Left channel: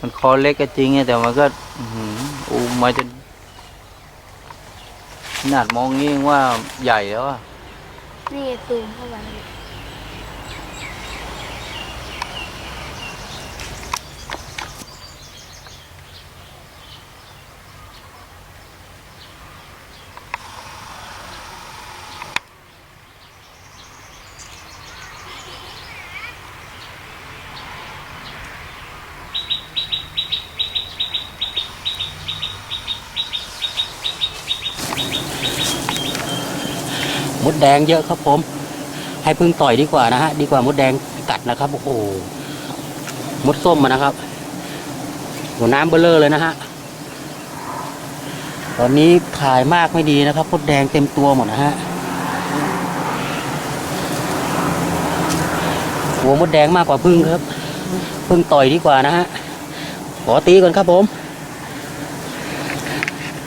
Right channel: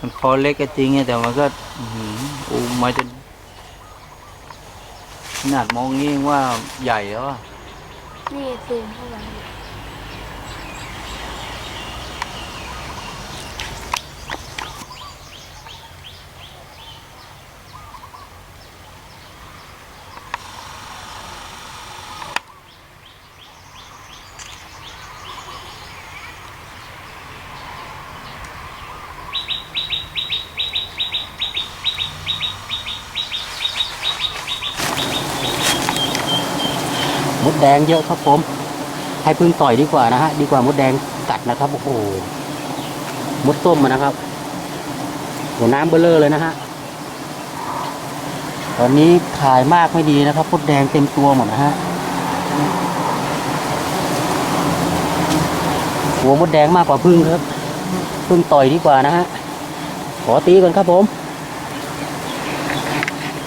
มันคอเล็กก็จริงไงแต่มันก็อูมาจนขนาดมองงี้ยังว่าใหญ่แล้วอะนี่ซูมเข้าไป มดแดงเยอะครับผม ให้พึ่งต่อยดีกว่านะฮะ ดีกว่ามดแดงกัดนะครับ โอ้โห มดส้มนะครับหัวน้ำเบลเลอร์เลยนะฮะ ตอนนี้ขายมากไม่ดีนะครับมดแดงเต็มตัวหมดนะฮะ หัวมดแดงมากกว่าพึ่งครับ พึ่งต่อยดีกว่านะฮะ ขอตีก่อนครับผม